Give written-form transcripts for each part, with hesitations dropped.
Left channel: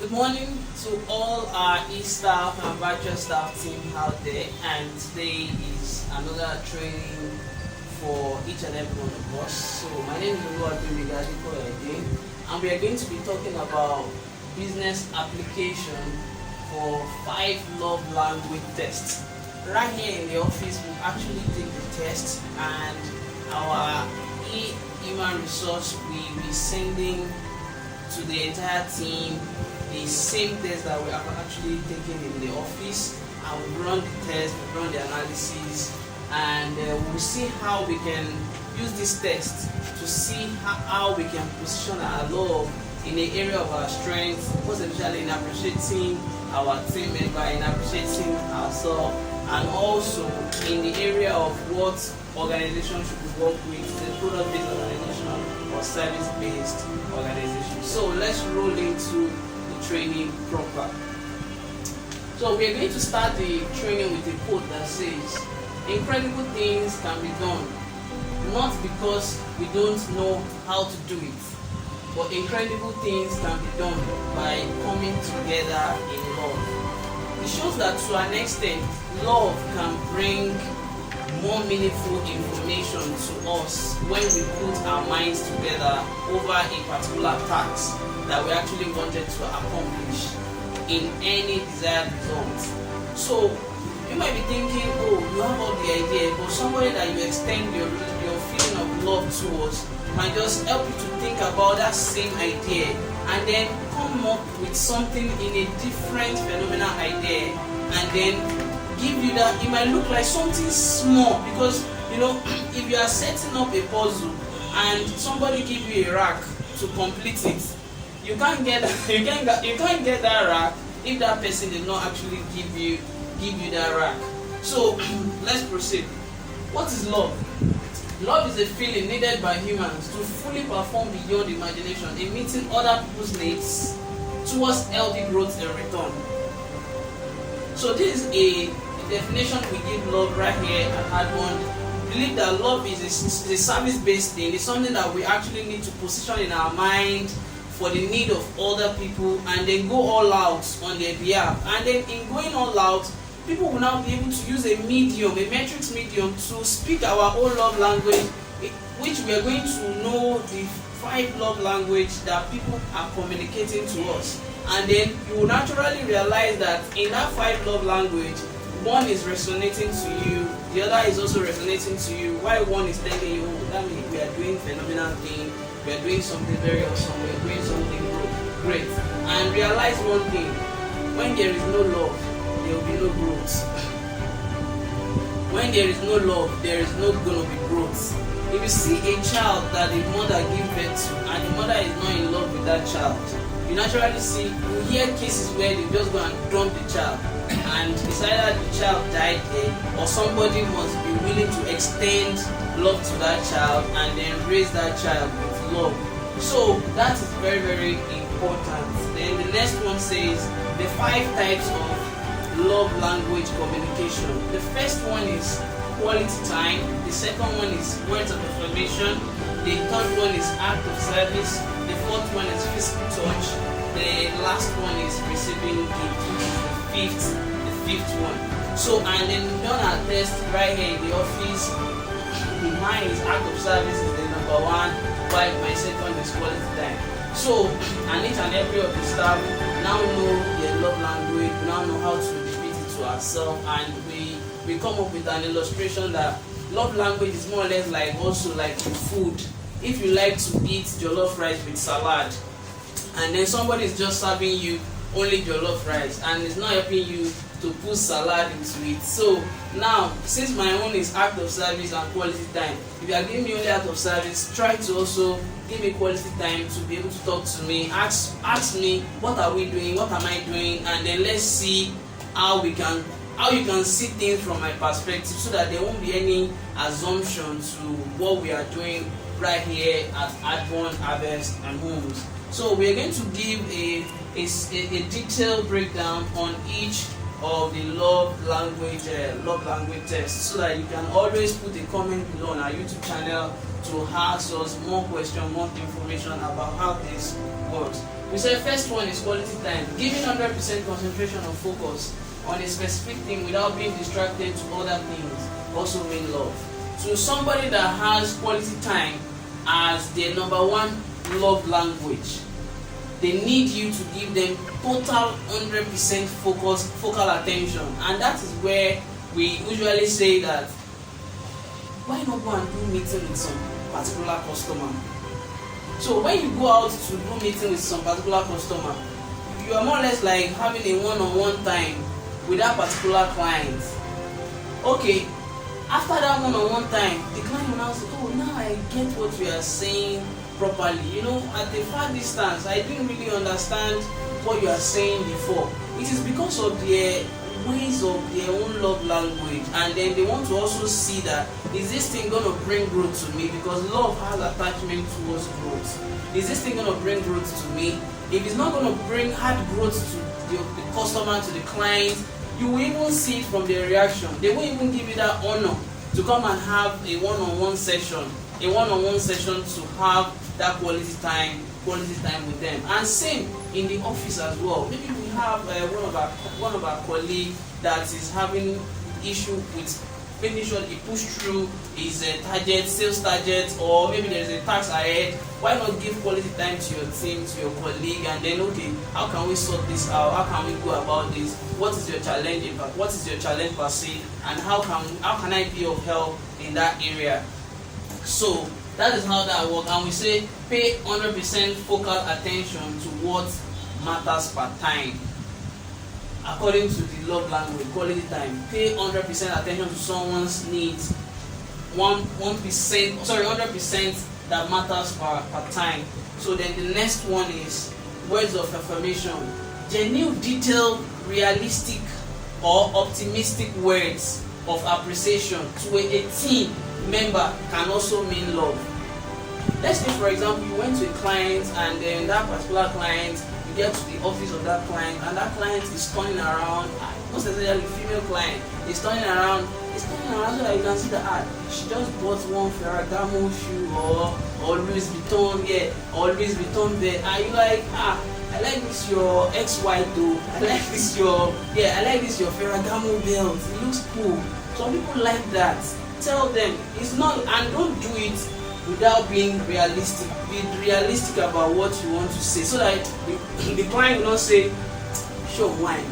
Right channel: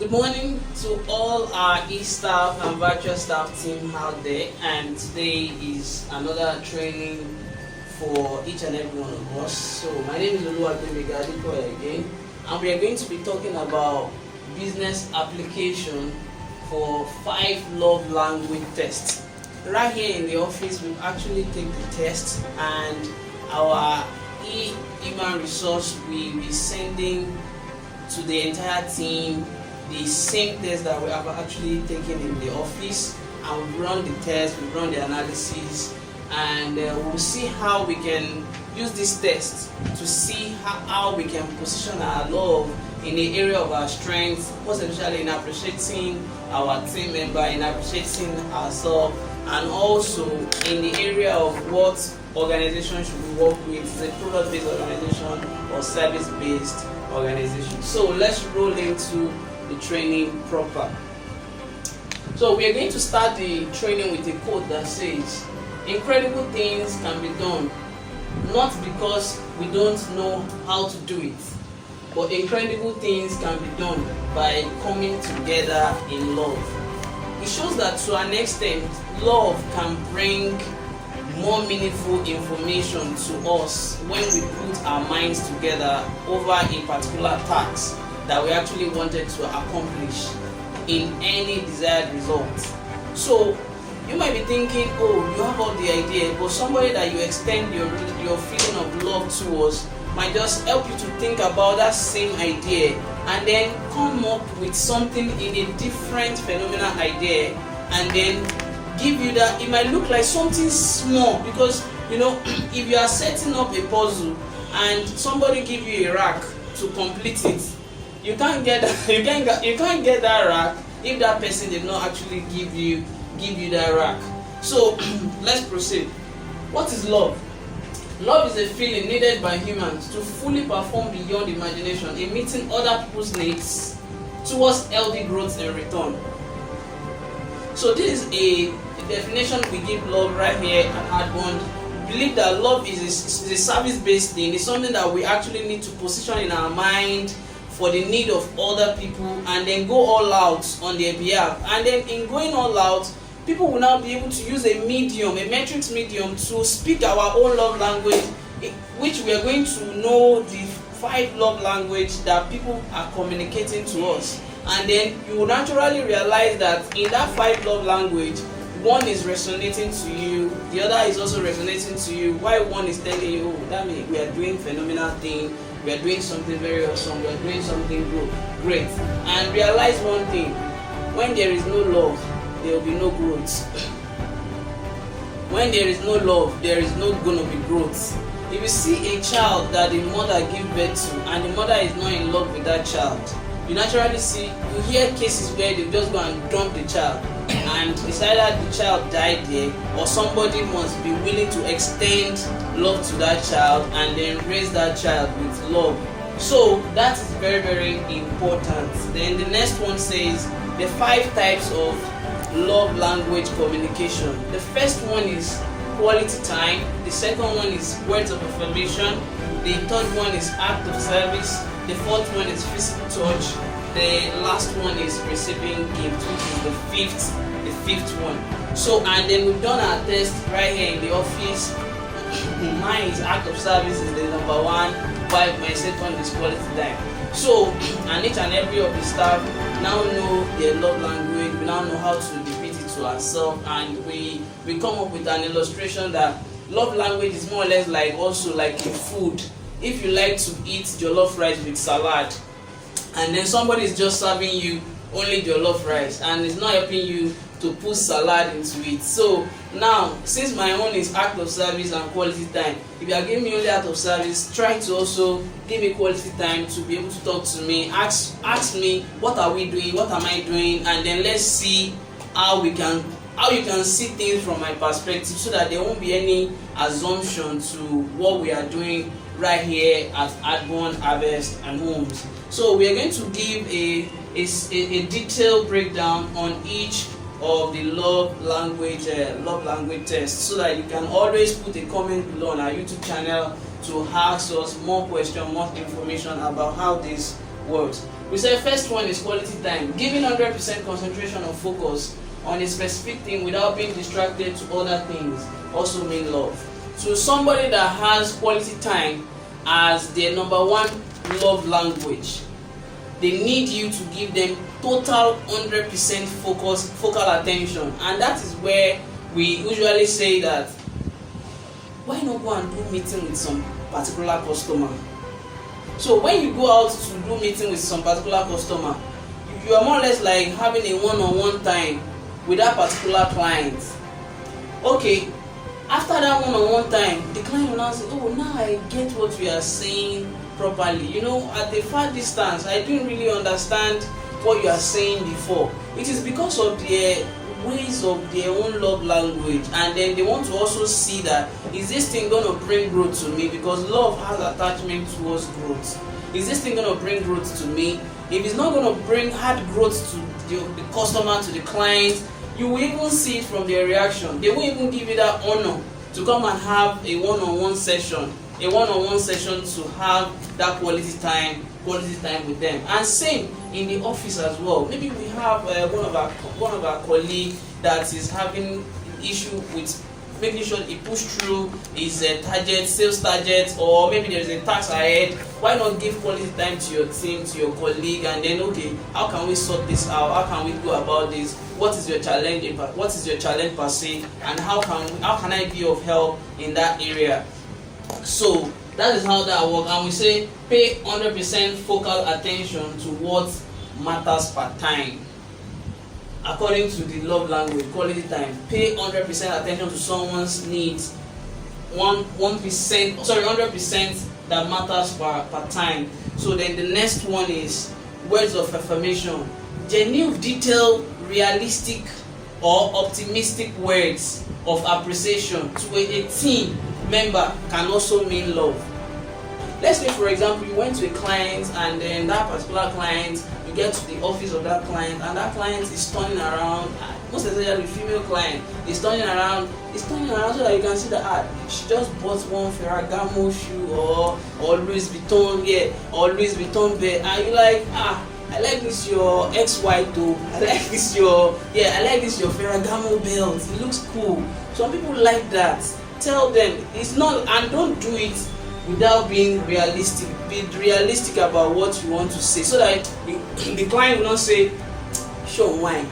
Good morning to all our e-staff and virtual staff team out there, and today is another training for each and every one of us. So my name is Oluwagbemigadipo again, and we are going to be talking about business application for 5 love language tests. Right here in the office, we actually take the test, and our human resource will be sending to the entire team the same test that we have actually taken in the office, and we run the test, we run the analysis, and we'll see how we can use this test to see how we can position our love in the area of our strengths, most especially in appreciating our team member, in appreciating ourselves, and also in the area of what organization should we work with, is a product-based organization or service-based organization. So let's roll into the training proper. So we are going to start the training with a quote that says, "Incredible things can be done, not because we don't know how to do it, but incredible things can be done by coming together in love." It shows that to an extent, love can bring more meaningful information to us when we put our minds together over a particular task that we actually wanted to accomplish in any desired result. So you might be thinking, oh, you have all the idea, but somebody that you extend your feeling of love towards might just help you to think about that same idea and then come up with something in a different phenomenal idea, and then give you that. It might look like something small, because if you are setting up a puzzle and somebody give you a rack to complete it, you can't get that rack if that person did not actually give you that rack. So let's proceed. What is love? Love is a feeling needed by humans to fully perform beyond imagination in meeting other people's needs towards healthy growth in return. So this is a definition we give love right here at Adbond. We believe that love is a service-based thing. It's something that we actually need to position in our mind for the need of other people, and then go all out on their behalf. And then in going all out, people will now be able to use a metrics medium, to speak our own love language, which we are going to know the 5 love language that people are communicating to us. And then you will naturally realize that in that 5 love language, one is resonating to you, the other is also resonating to you. While one is telling you, oh, that means we are doing phenomenal thing, we are doing something very awesome, we are doing something great. And realize one thing: when there is no love, there will be no growth. When there is no love, there is not going to be growth. If you see a child that the mother gives birth to, and the mother is not in love with that child, you naturally see, you hear cases where they just go and dump the child, and it's either the child died there, or somebody must be willing to extend love to that child and then raise that child with love. So that is very, very important. Then the next one says the 5 types of love language communication. The first one is quality time. The second one is words of affirmation. The third one is act of service. The fourth one is physical touch. The last one is receiving gift, which is the fifth one. So, and then we've done our test right here in the office. The mine is act of service is the number 1, while my second is quality time. So, and each and every of the staff now know their love language. We now know how to repeat it to ourselves, and we come up with an illustration that love language is more or less like in food. If you like to eat jollof rice with salad, and then somebody is just serving you only jollof rice and is not helping you to put salad into it. So now, since my own is act of service and quality time, if you are giving me only act of service, try to also give me quality time to be able to talk to me, ask me what are we doing, what am I doing, and then let's see how you can see things from my perspective, so that there won't be any assumption to what we are doing right here at Adbond, Harvest and Homes. So we are going to give a detailed breakdown on each of the love language tests, so that you can always put a comment below on our YouTube channel to ask us more questions, more information about how this works. We said first one is quality time. Giving 100% concentration or focus on a specific thing without being distracted to other things also mean love. So somebody that has quality time as their number one love language, they need you to give them total 100% focal attention. And that is where we usually say that, why not go and do meeting with some particular customer? So when you go out to do meeting with some particular customer, you are more or less like having a one-on-one time with that particular client. Okay, after that one-on-one time, the client will now say, oh, now I get what you are saying properly. You know, at a far distance, I didn't really understand what you are saying before. It is because of their ways of their own love language, and then they want to also see that, is this thing going to bring growth to me? Because love has attachment towards growth. Is this thing going to bring growth to me? If it's not going to bring hard growth to the customer, to the client, you will even see it from their reaction. They won't even give you that honor to come and have a one-on-one session, to have that quality time with them. And same in the office as well. Maybe we have one of our colleagues that is having issue with making sure he push through his sales target, or maybe there is a task ahead. Why not give quality time to your team, to your colleague, and then, okay, how can we sort this out? How can we go about this? What is your challenge? What is your challenge per se? And how can I be of help in that area? So that is how that works. And we say pay 100% focal attention to what matters per time. According to the love language, quality time, pay 100% attention to someone's needs. 100% that matters per time. So then the next one is words of affirmation. Genuine, detailed, realistic, or optimistic words of appreciation to a team member can also mean love. Let's say, for example, you went to a client, and then that particular client, you get to the office of that client, and that client is turning around, most especially the female client, is turning around so that you can see that she just bought one Ferragamo shoe or Louis Vuitton, or Louis Vuitton bag, and you're like, I like this your XY though. I like this your Ferragamo belt. It looks cool. Some people like that. Tell them it's not, and don't do it without being realistic. Be realistic about what you want to say, so that the client will not say, "Show wine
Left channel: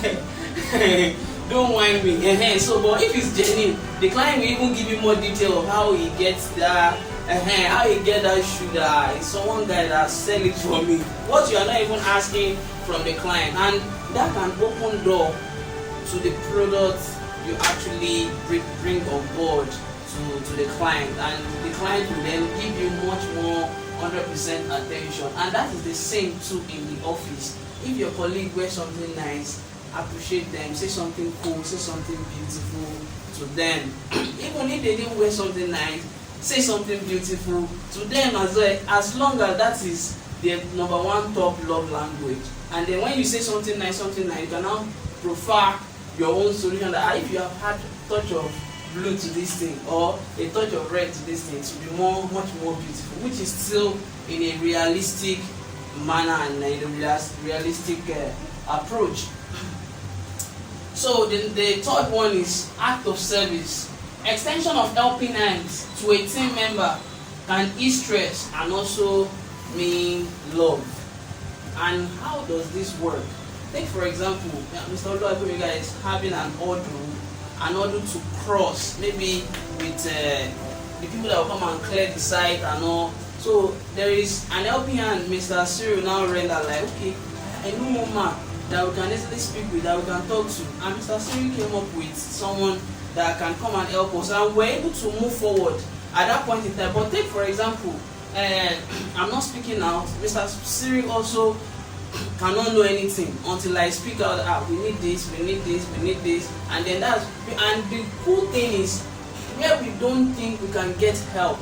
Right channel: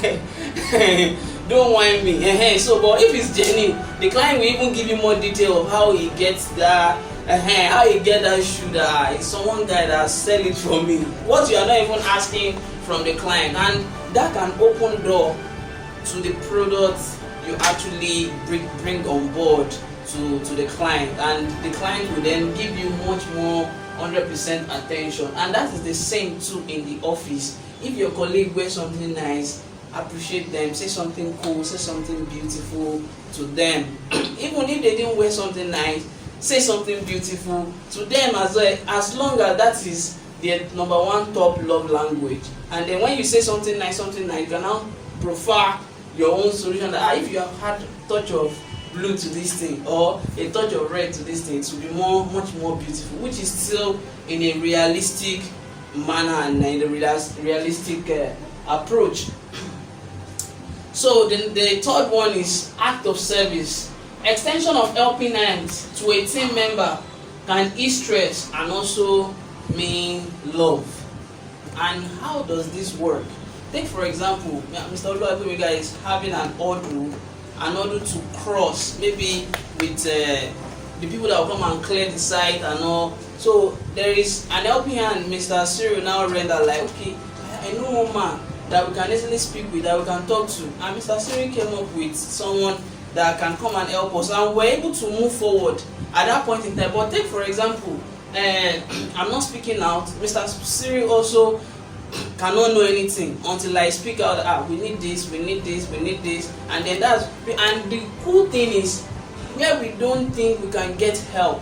me." Don't whine me. So, but if it's genuine, the client will even give you more detail of how he gets that. How you get that shoe, that it's someone guy that sell it for me. What you are not even asking from the client, and that can open door to the product you actually bring on board to the client, and the client will then give you much more 100% attention. And that is the same too in the office. If your colleague wears something nice, appreciate them, say something cool, say something beautiful to them. Even if they didn't wear something nice, say something beautiful to them as well, as long as that is their number one top love language. And then when you say something nice, you can now prefer your own solution, that if you have had a touch of blue to this thing, or a touch of red to this thing, it will be much more beautiful, which is still in a realistic manner and in a realistic approach. So the third one is act of service. Extension of helping hands to a team member can ease stress and also mean love. And how does this work? Take for example, Mr. Oluwagbemiga is having an order to cross, maybe with the people that will come and clear the site and all. So there is an helping hand. Mr. Cyril now render like, okay, I know one man that we can easily speak with, that we can talk to. And Mr. Cyril came up with someone that can come and help us, and we're able to move forward at that point in time. But take for example, I'm not speaking out. Mr. Cyril also cannot know anything until I speak out. We need this, and then and the cool thing is, where we don't think we can get help,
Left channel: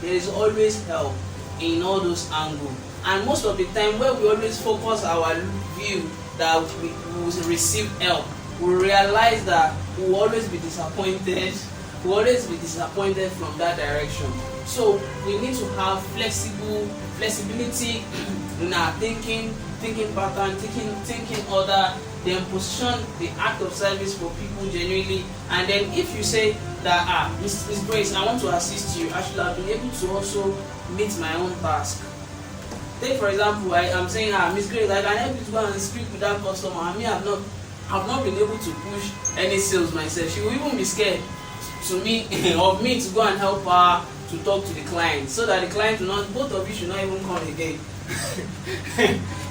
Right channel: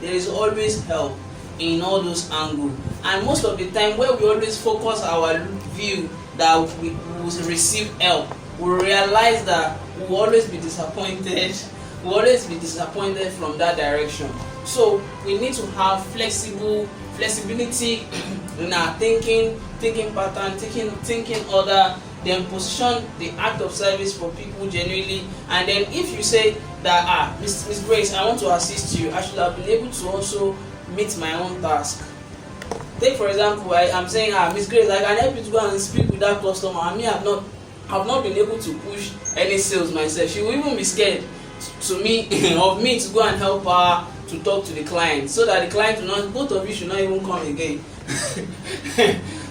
there is always help in all those angles. And most of the time, where we always focus our view that we will receive help, we realize that we will always be disappointed. from that direction. So we need to have flexible flexibility in our thinking pattern, thinking order, then position the act of service for people genuinely. And then if you say that Miss Grace, I want to assist you, I should have been able to also meet my own task. Take for example, I'm saying, Miss Grace, I can help you to go and speak with that customer. I mean, I've not been able to push any sales myself. She will even be scared to me of me to go and help her to talk to the client, so that the client will not, both of you should not even come again.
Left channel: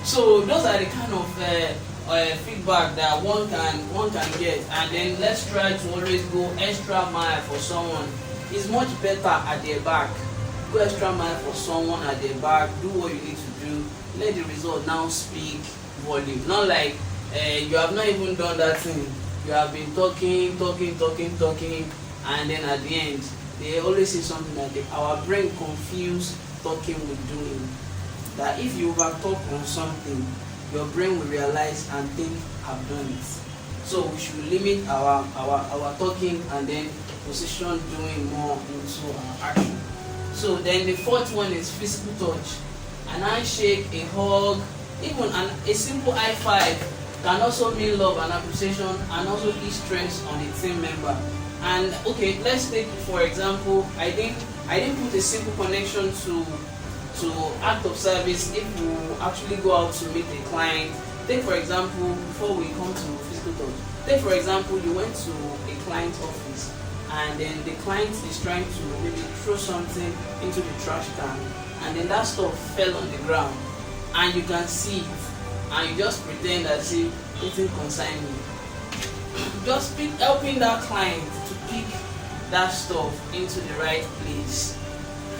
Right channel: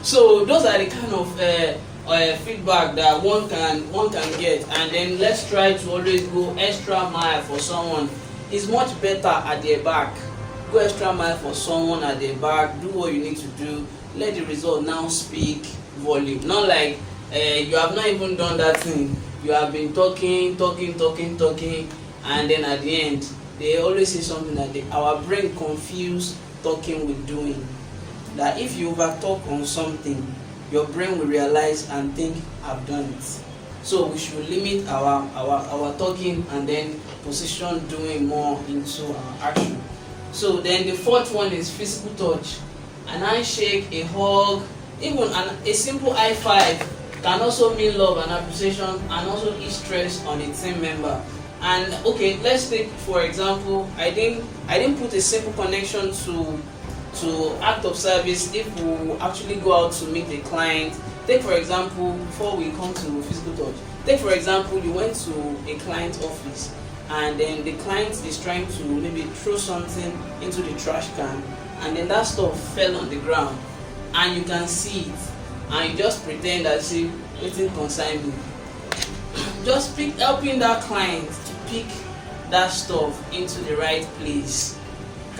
So those are the kind of feedback that one can get. And then let's try to always go extra mile for someone. It's much better at their back. Go extra mile for someone at their back. Do what you need to do. Let the result now speak volume. Not like you have not even done that thing. You have been talking, and then at the end, they always say something like our brain confuse talking with doing. That if you overtalk on something, your brain will realize and think, I've done it. So we should limit our talking and then position doing more into our action. So then the fourth one is physical touch. An handshake, a hug, even a simple high five can also mean love and appreciation, and also ease stress on a team member. And okay, let's take for example, I didn't put a simple connection to act of service if we actually go out to meet a client. Take for example, before we come to physical touch, take for example, you went to a client's office, and then the client is trying to maybe throw something into the trash can, and then that stuff fell on the ground, and you can see it, and you just pretend as if it didn't concern me. Just helping that client to pick that stuff into the right place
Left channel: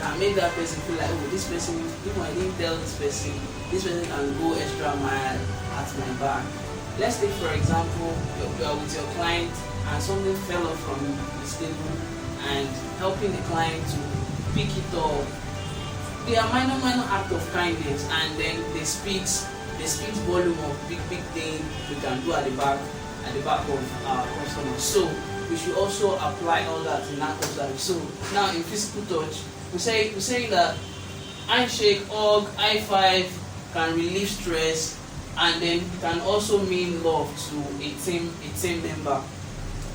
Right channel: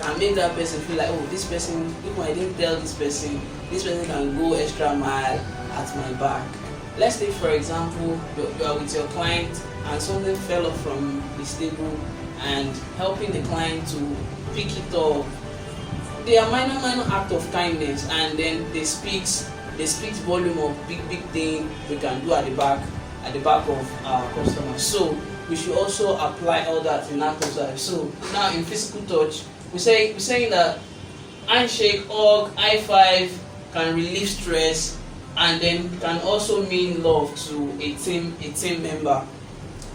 can make that person feel like, oh, this person, if I didn't tell this person can go extra mile at my back. Let's take for example, you're with your client and something fell off from his table, and helping the client to pick it up. They are minor act of kindness, and then they speak volume of big thing we can do at the back of our customers. So we should also apply all that in act of service. So now in physical touch, we're saying that handshake, hug, high five can relieve stress, and then can also mean love to a team member.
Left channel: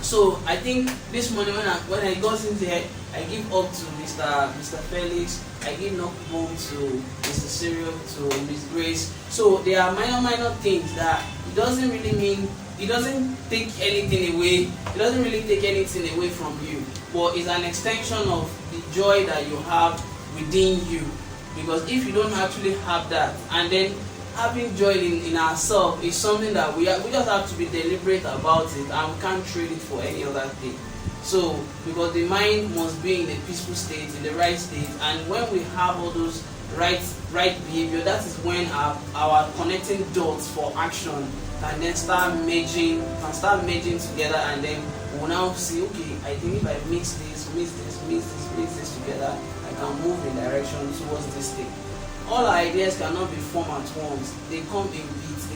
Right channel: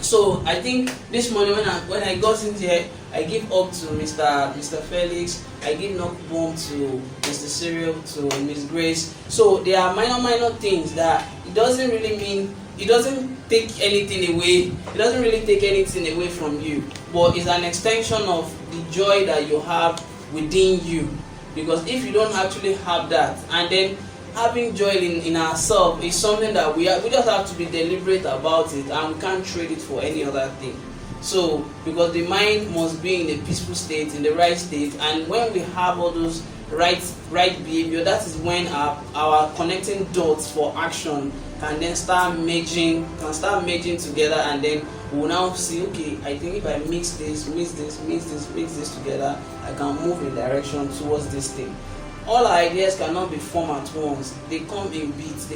So I think this morning when I got in here, I give up to Mr. Felix, I give knock bomb to Mr. Cyril, to Miss Grace. So there are minor things that it doesn't take anything away. It doesn't really take anything away from you, but it's an extension of the joy that you have within you. Because if you don't actually have that, and then having joy in ourselves is something that we just have to be deliberate about it, and we can't trade it for any other thing. So because the mind must be in a peaceful state, in the right state, and when we have all those right behavior, that is when our connecting dots for action can then start merging together, and then we'll now see, okay, I think if I mix this together, I can move in direction towards this thing. All our ideas cannot be formed at once. They come in bits.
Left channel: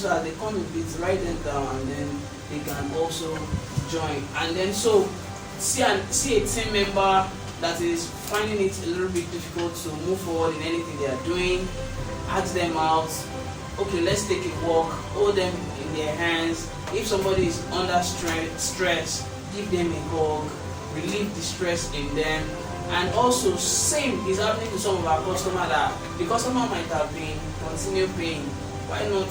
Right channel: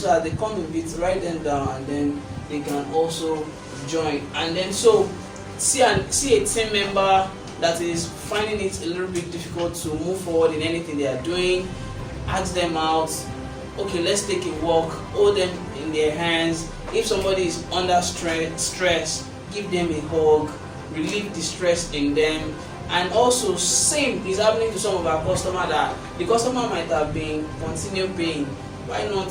So as they come in bits, write them down, and then they can also join. And then so see a team member that is finding it a little bit difficult to move forward in anything they are doing. Ask them out. Okay, let's take a walk. Hold them in their hands. If somebody is under stress, give them a hug. Relieve the stress in them. And also, same is happening to some of our customers, that the customer might have been continue paying. Why not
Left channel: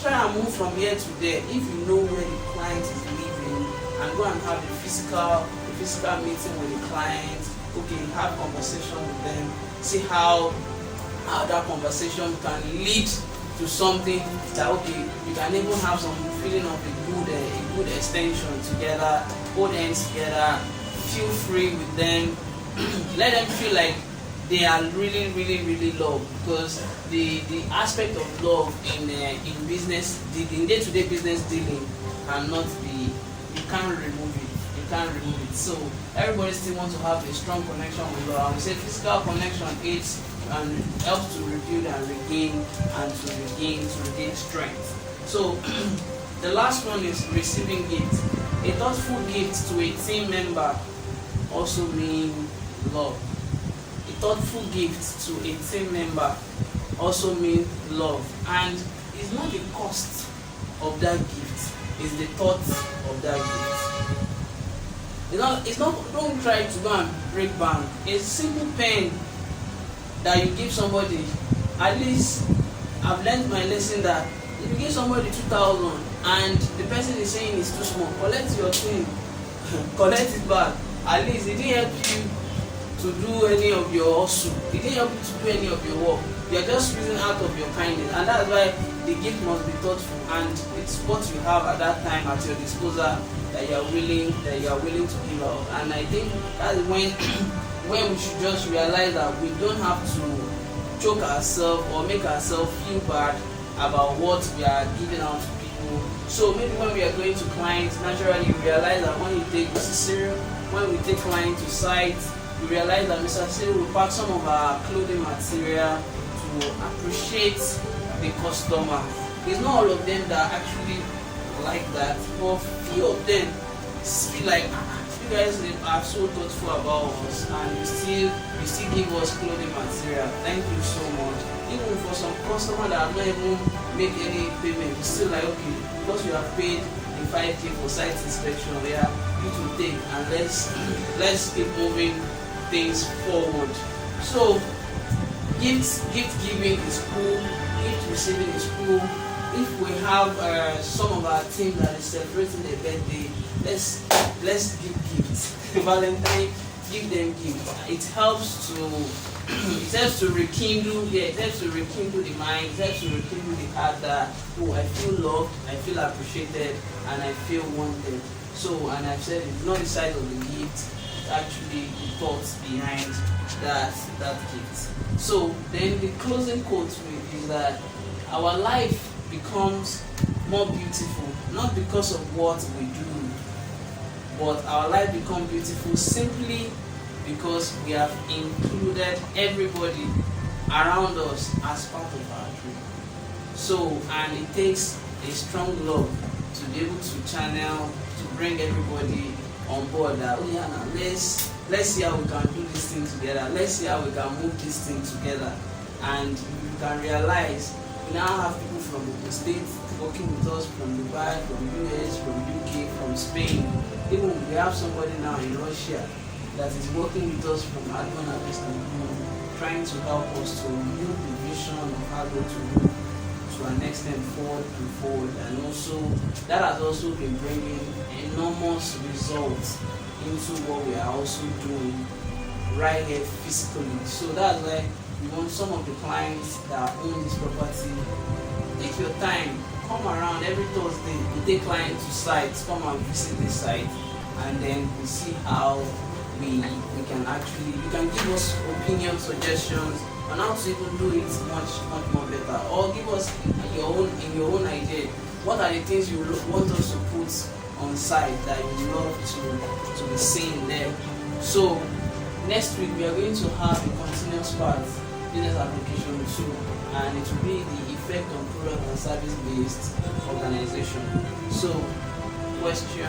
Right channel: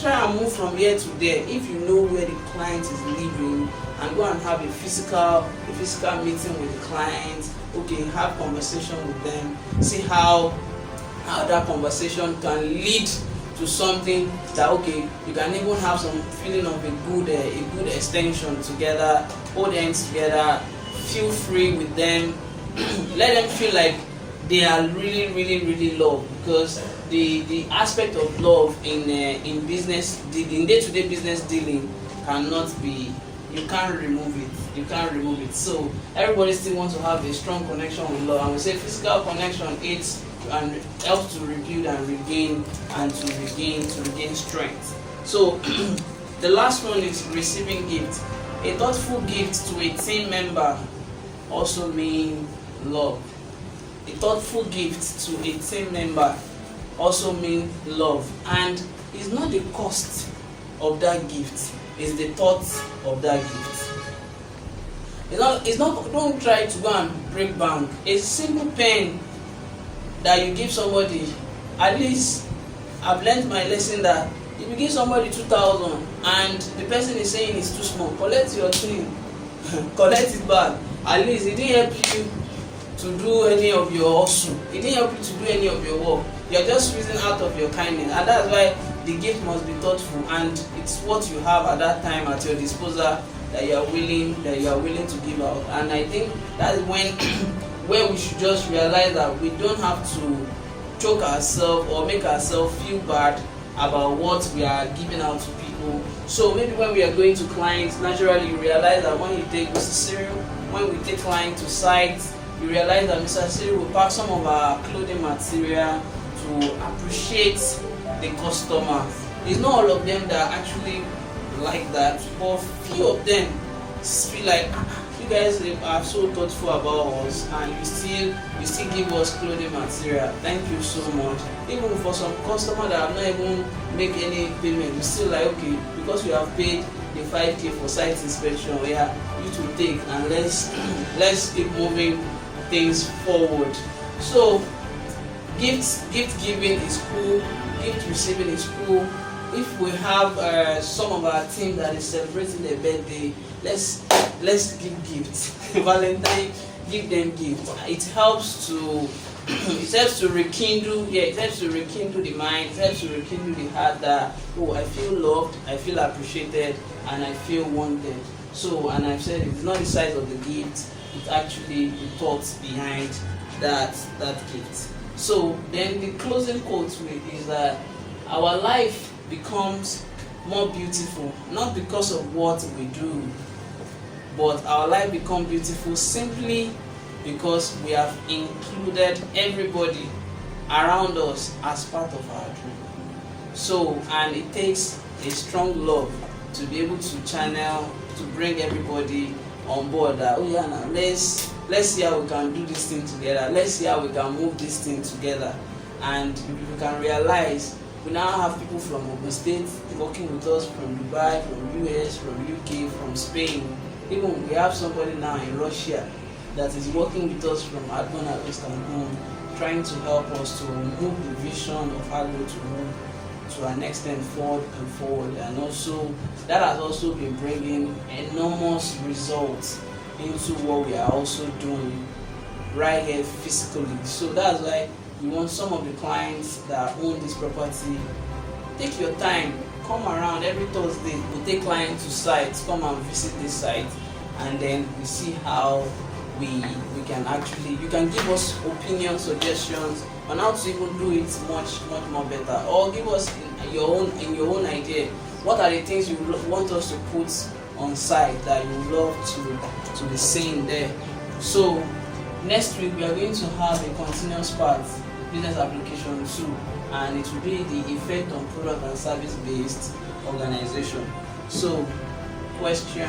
try and move from here to there? If you know where the client is living, and go and have a physical meeting with the client. Okay, have conversation with them. See how that conversation can lead to something that, okay, you can even have some feeling of a good extension together. Hold hands together. Feel free with them. Let them feel like they are really loved, because the aspect of love in business dealing, in day-to-day business dealing, you can't remove it. So everybody still wants to have a strong connection with love, and we say physical connection aids and helps to rebuild and regain strength. So the last one is receiving gift. A thoughtful gift to a team member also means love. A thoughtful gift to a team member also means love, and it's not the cost of that gift, it's the thought of that gift. It's not, don't try to go and break bank. A simple pen that you give somebody, at least I've learned my lesson that if you give somebody 2,000 and the person is saying it's too small, collect your thing, collect it back. At least it didn't help you to do any of your hustle, it didn't help you to do any of your work. You're just using out of your kindness, and that's why the gift must be thoughtful, and it's what you have at that time at your disposal that you are willing to give out. And I think that's when we should just realize that we don't have to choke ourselves or make ourselves feel bad about what we are giving out to people. So maybe when we are going to clients, naturally you realize that when you take Mr. Cyril, when we take clients to sites, you realize that Mr. Cyril will pack some of our clothing material to appreciate the customer. It's not all of them that actually like that, but few of them feel like, you guys are so thoughtful about us and you still give us clothing material. Thank you so much. Even for some customer that have not even make any payment, we still like, okay, because we have paid the 5K for site inspection, we are you to take, and let's keep moving things forward. So gift giving is cool, gift receiving is cool. If we have some of our team that is celebrating their birthday, let's give gifts. Valentine, give them gifts. It helps to rekindle the mind, it helps to rekindle the heart that, oh, I feel loved, I feel appreciated, and I feel wanted. So, and I've said it's not the size of the gift, it's actually the thoughts behind that gift. So then the closing quote is that our life becomes more beautiful, not because of what we do, but our life becomes beautiful simply because we have included everybody around us as part of our dream. So, and it takes a strong love to be able to channel, to bring everybody on board that, oh yeah, now let's see how we can do this thing together, let's see how we can move this thing together. And you can realize we now have people from the States working with us, from Dubai, from US, from UK, from Spain. Even we have somebody now in Russia that is working with us from Adbond and Adbond, trying to help us to move the vision of Adbond to move to an extent forward and forward. And also that has also been bringing enormous results into what we are also doing right here physically. So that's why we want some of the clients that own this property, take your time, come around every Thursday. We take clients to sites, come and visit this site, and then we see how we can actually, you can give us opinion, suggestions on how to even do it much more better, or give us your own idea. What are the things you want us to put on site that you love to be seen there? So next week we are going to have a continuous part business application 2, and it will be the effect on product and service based organization. So question